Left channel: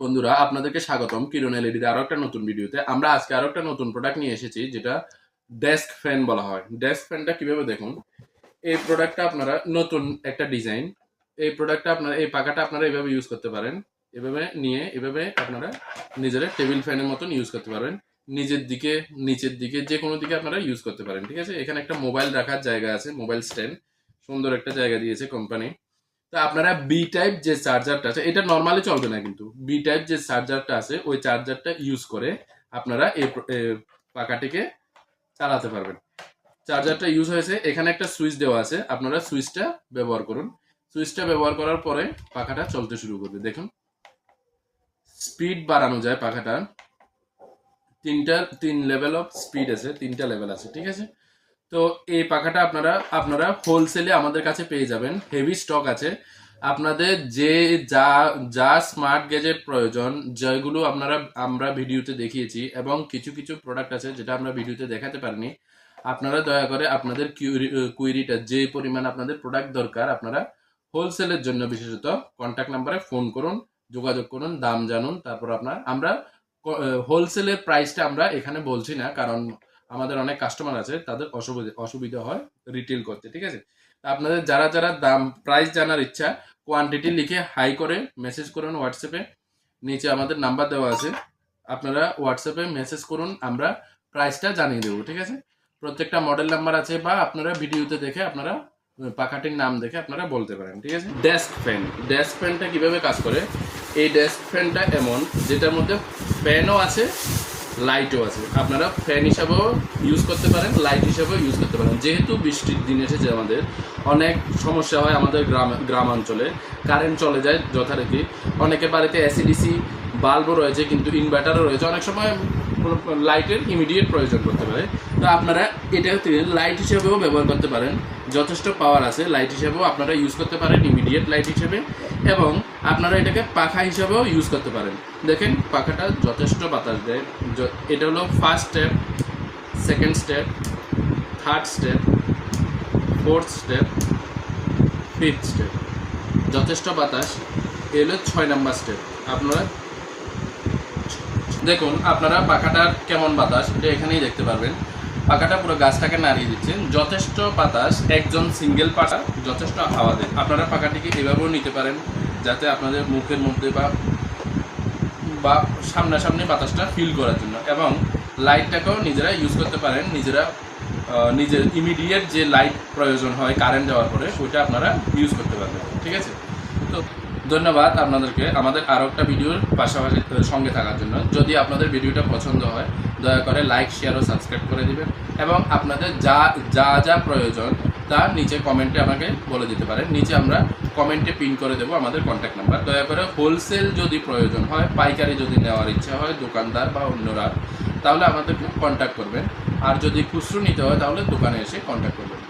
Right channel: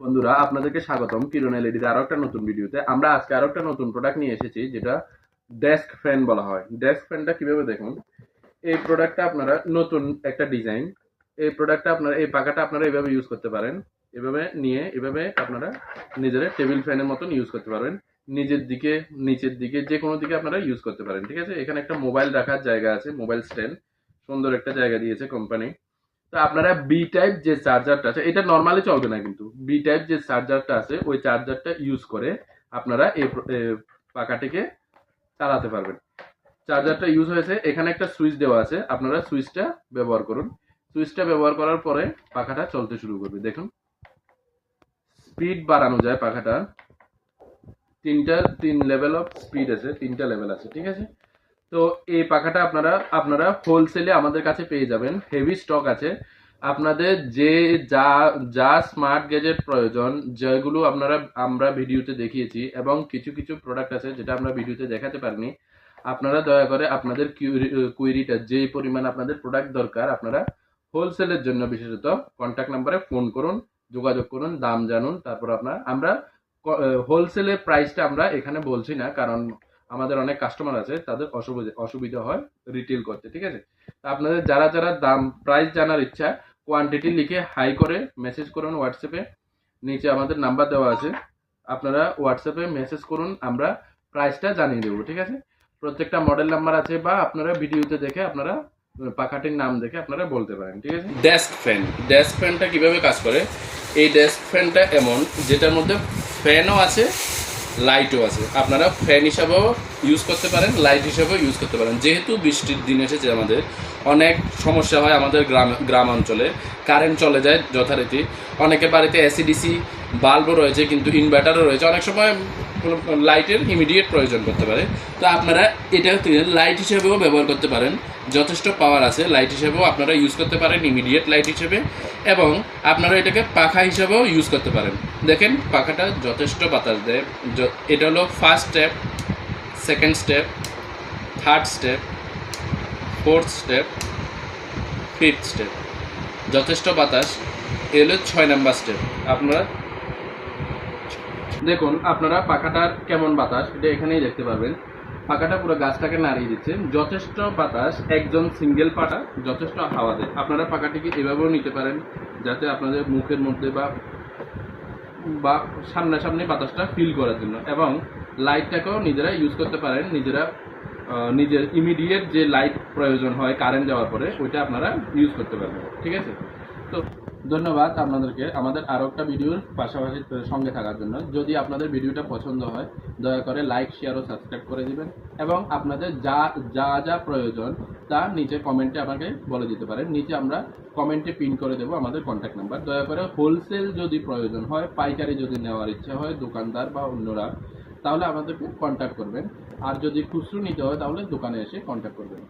বন্ধুরা আপনাদেরকে স্বাগতম কিরণ এলইডিতে আরো একটা নতুন ভিডিওতে। আমরা আজকে আরো একটা নতুন প্রোডাক্ট নিয়ে এসেছি, যেটা ডেস্ক ফ্যান বলা হয়। ডেস্ক ফ্যানটা কিভাবে দেখুন, এই প্রোডাক্টটা আপনারা নতুন একটা ডিজাইন। এই প্রোডাক্টটা আপনারা, এই পাখাটা আপনারা এভাবে ইউজ করতে পারেন। এভাবে নিয়ে এভাবে আপনারা নিজের টেবিল ফ্যানের মতন ইউজ করতে পারবেন। নিজের দিকে, নিচের দিকে, যে কোনো দিকে আপনারা ইউজ করতে পারেন। ঠিক আছে, এখানে একটা মোবাইল রাখার জায়গা আছে, মোবাইল স্ট্যান্ড, সুন্দর একটা জায়গা দিয়েছে কোম্পানি। তো আপনারা বি টাইপ যে চার্জারটা আছে, এটা নর্মালি চলবে না, কিন্তু বি টাইপ যে চার্জারটা আছে ওই চার্জারটা ইউজ করে আপনারা এই পাখাটিকে চালাতে পারবেন। চার্জারটা ইউজ হয়েছে, এখানে একটা সুইচ দেওয়া আছে, আপনারা সুইচটা ব্যবহার করুন। সুইচটা ব্যবহার করার পরে পাখাটা চলতে শুরু করবে। দেখুন, স্পিড বাড়ানো যায় পাখাটা। তিন লেভেল অফ স্পিড আছে, তিনটা লেভেল আছে। ঠিক আছে, তো এই পাখাটা আপনারা হোলসেলে আমাদের কাছে পেয়ে যাবেন। হেভি স্টক আছে। আপনাদের যে যা যা স্মার্ট গ্যাজেট প্রয়োজন, যেগুলো আমরা ভিডিওতে দেখিয়েছি, এবং কিছু কিছু প্রোডাক্ট আছে যেটা আমরা ভিডিওতে দেখাতে পারিনি, আপনারা দয়া করে আপনাদের কুইরিটা, যে পরিমাণ আপনাদের প্রোডাক্ট দরকার, আপনারা হোলসেলের জন্য বিশেষত কন্ট্যাক্ট নাম্বারে ফোন করুন, যোগাযোগ করুন, দাম জানুন। তারপর আমরা হোলসেলের প্রাইসটা আমরা এখানে বলছি না, কারণ আমাদের অনেক কাস্টমার আছে, তাদের অসুবিধা হয় রিটেল করতে। ঠিক আছে, আপনাদের যারা যারা দাম প্রাইস জানার ইচ্ছা, কোয়ান্টিটি লিখে হাই করে মেসেজ করুন হোয়াটসঅ্যাপে। নিচে আমাদের নাম্বার দেওয়া আছে, আপনারা হোয়াটসঅ্যাপে মেসেজ করুন, আমরা প্রাইসটা জানিয়ে দেবো। ঠিক আছে, প্রত্যেকটা মডেল নাম্বার আছে, বা আপনারা ভিডিওতে দেখে আপনারা পাখাটির নাম দেখে আপনারা বলতে পারেন। ঠিক আছে, ডেস্ক ফ্যানটা কিভাবে কাজ করে, এই ডেস্ক ফ্যানটা এমন, যেটার মধ্যে ফ্যানও আছে, লাইটও আছে। আপনারা ফ্যান হিসাবেও ইউজ করতে পারেন, লাইট হিসাবেও ইউজ করতে পারেন। যেহেতু বৃষ্টির দিন এসেছে, আমাদের অনেক সমস্যা হয়, আমাদের গ্রাম অঞ্চলে কারেন্ট চলে যায় যথারীতি। অনেকের বাড়িতে এসিডিসি বাল্বও রয়েছে, কিন্তু ইনভার্টারও রয়েছে, অনেক সময় লাইটের ইমিডিয়েট প্রয়োজন করতে পারে। তো আপনারা এটা লাইট হিসেবেও ব্যবহার করতে পারেন, যথেষ্ট পাওয়ার আছে। লাইট হিসেবেও আপনারা ইউজ করতে পারেন, ইমিডিয়েট লাইট হিসেবে, এবং আপনারা এটাকে পাখা হিসেবেও ইউজ করতে পারেন। দেখেন পাখাটা যথেষ্ট বাতাস দেয়। এটা হলো first step, second step, third step, fourth step, fifth step, যথেষ্ট বাতাস। এ হলো 6 নাম্বার স্টেপ। আপনারা দেখুন, আপনারা পাখাটার কেমন বাতাস, এটা এখানেই দেখতে পারবেন। পাখাটা পুরো গাছটাকে নাড়িয়ে দিচ্ছেন, যথেষ্ট বাতাস। একজন সিঙ্গেল পাখা যথেষ্ট হাওয়া দেয়। আপনারা পাখাটিকে এভাবেও নিতে পারেন, যাতে আপনাদের মুখের মধ্যে বা সামনাসামনি বাতাসটা ফিল করার জন্য, এবং লাইটটাকেও নিজেরা ইউজ করতে পারেন। নিজের ইমিডিয়েট যে লাইট প্রয়োজন হয় কারেন্ট যাওয়ার পরে, ওইটা আপনারা ইউজ করতে পারবেন। ঠিক আছে, তো ধন্যবাদ আপনাদেরকে আমাদের আরও একটা ভিডিওর পাশাপাশি সঙ্গে থাকার জন্য। যদি আপনাদের ভিডিওটা পছন্দ হয়, দয়া করে লাইক, শেয়ার ও সাবস্ক্রাইব করে দিবেন, এবং আপনাদের যা যা যা প্রয়োজন তা নিচে কমেন্টে আমাকে বলে দিতে পারেন। নিচে আমরা কমেন্টে পিন করে দেবো আমাদের কন্ট্যাক্ট নাম্বার। দয়া করে হোলসেল যদি প্রয়োজন হয়, পাইকারি যদি নেওয়ার ইচ্ছা হয়, দোকানদার বা অন্যরা, তাহলে আমাদেরকে কন্ট্যাক্ট করবেন। আর যদি খুচরো নিতে হয়, তাহলে দোকানে এসে কন্ট্যাক্ট করবেন।